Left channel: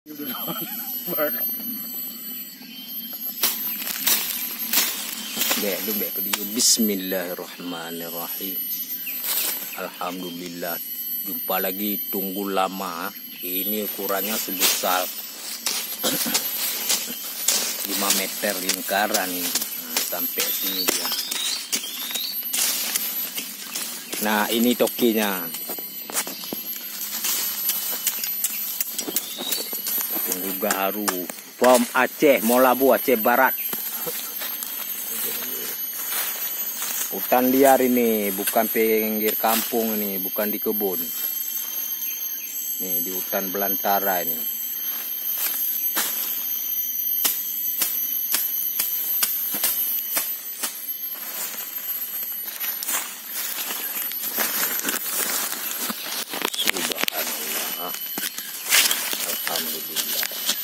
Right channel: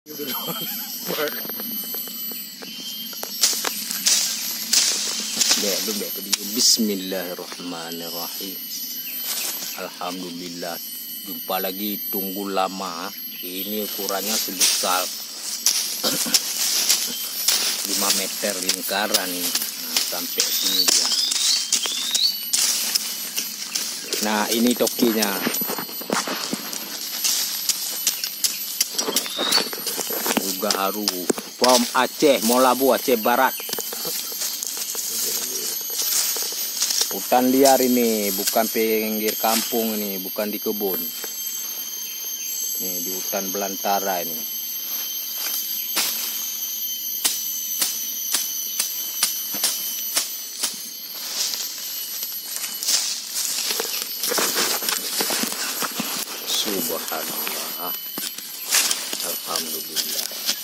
Bismillahirrahmanirrahim. Alhamdulillah, jumpa lagi. Tunggu lama. Ini ukurannya sebesar 5 meter lingkaran nih. Nah, sampai sini dia. Nah, ini tokinya. Juga haru. From Aceh, Molabu, Aceh Barat. Hutan liar ini, bukan pinggir kampung ini, bukan di kebun. Nih di hutan belantara ini. Subhanallah. Alhamdulillah.